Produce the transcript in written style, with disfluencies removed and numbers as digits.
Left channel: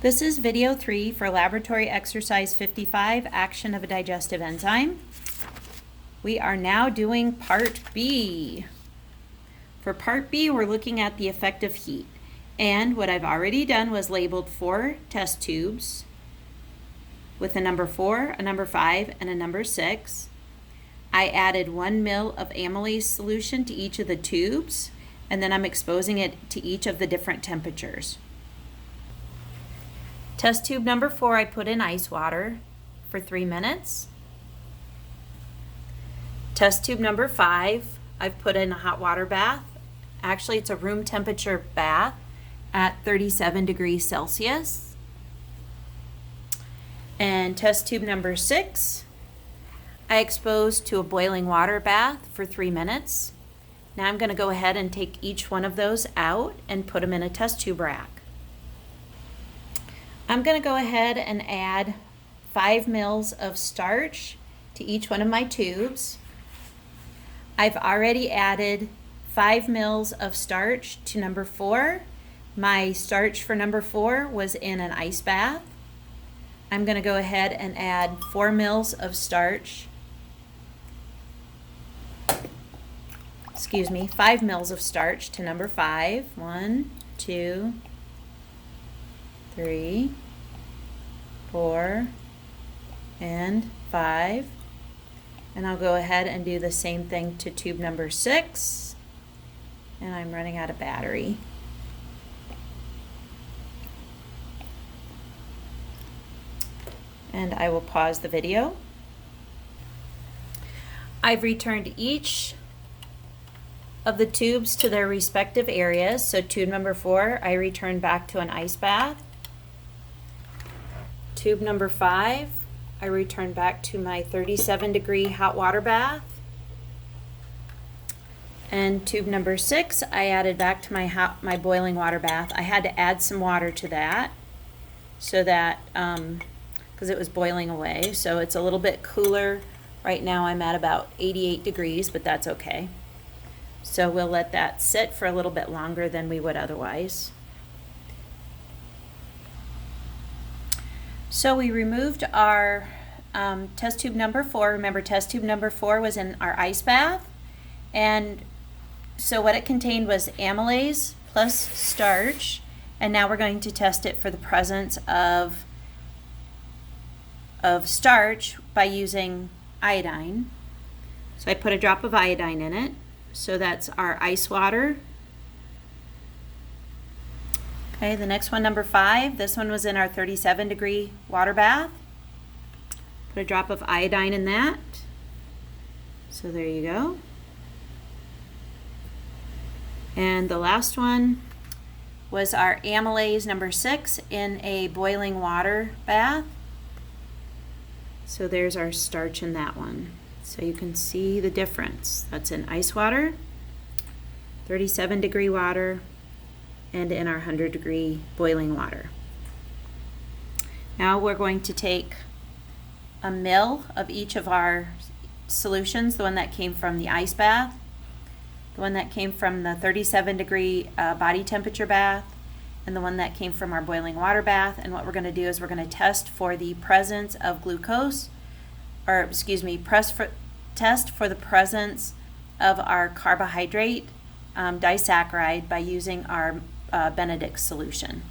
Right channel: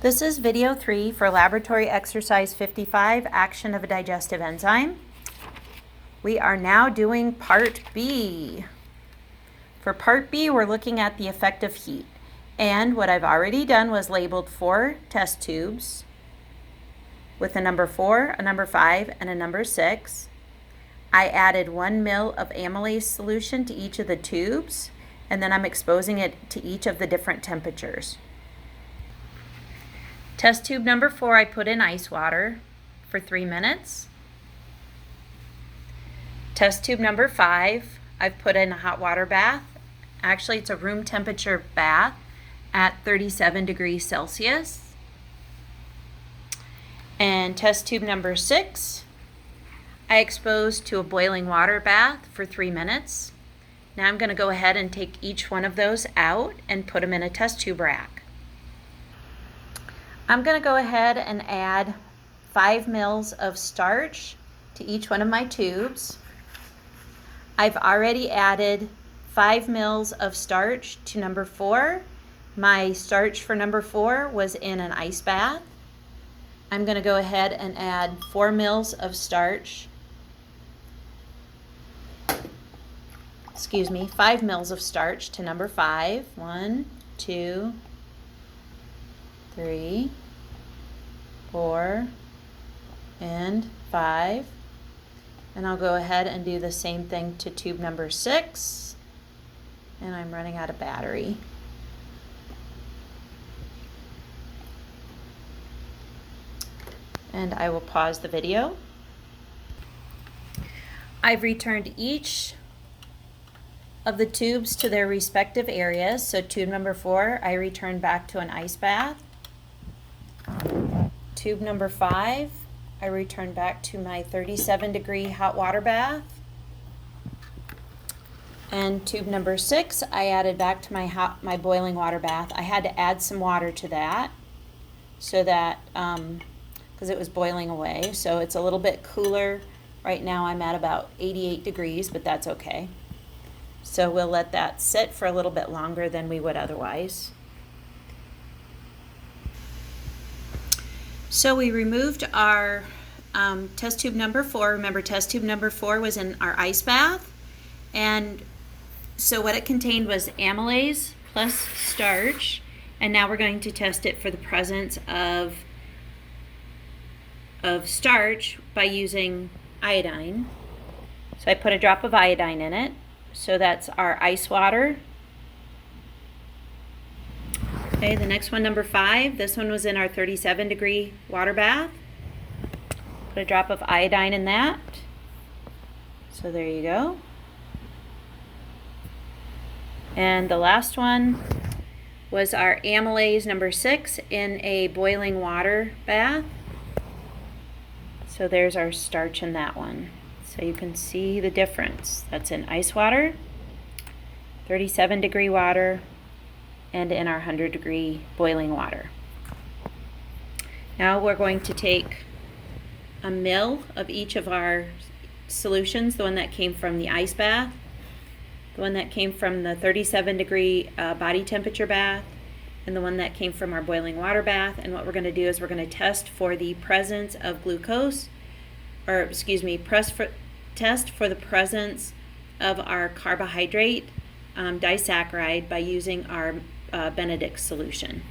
This is video 3 for laboratory exercise 55, action of a digestive enzyme. We are now doing part B. For part B, we're looking at the effect of heat. And what I've already done was labeled 4 test tubes with a number 4, a number 5, and a number 6. I added 1 ml of amylase solution to each of the tubes, and then I'm exposing it to each of the different temperatures. Test tube number 4, I put in ice water for 3 minutes. Test tube number 5, I've put in a hot water bath. Actually, it's a room temperature bath at 37 degrees Celsius. And test tube number 6, I exposed to a boiling water bath for 3 minutes. Now I'm going to go ahead and take each one of those out and put them in a test tube rack. I'm going to go ahead and add 5 ml of starch to each one of my tubes. I've already added 5 ml of starch to number 4. My starch for number 4 was in an ice bath. I'm going to go ahead and add 4 ml of starch. 5 ml of starch to number 5. 1, 2, 3, 4, and 5. And I'll go ahead and do the same thing to tube number 6. And I'm running out of battery. And I will pause the video. I've returned each of the tubes to their respective areas. So tube number 4, I returned back to an ice bath. Tube number 5, I returned back to my 37-degree hot water bath. And tube number 6, I added back to my boiling water bath. I had to add some water to that so that, because it was boiling away. So it's a little bit cooler. Right now I'm at about 88 degrees, but that's okay. So we'll let that sit for a little bit longer than we would otherwise. So we removed our test tube number 4. Remember, test tube number 4 was in our ice bath. And so what it contained was amylase plus starch. And now we're going to test it for the presence of starch by using iodine. So I put a drop of iodine in it. So that's our ice water. Okay, the next one, number 5. This one was in our 37-degree water bath. Put a drop of iodine in that. So there you go. And the last one was our amylase number 6 in a boiling water bath. So there's our starch in that one. So you can see the difference. That's in ice water, 37-degree water, and in our 100-degree boiling water. Now we're going to take a ml of each of our solutions, the one that came from the ice bath, the one that came from the 37-degree body temperature bath, and the one that came from our boiling water bath. And what we're going to do is we're going to test for the presence of glucose, or test for the presence of our carbohydrate disaccharide by using our Benedict solution.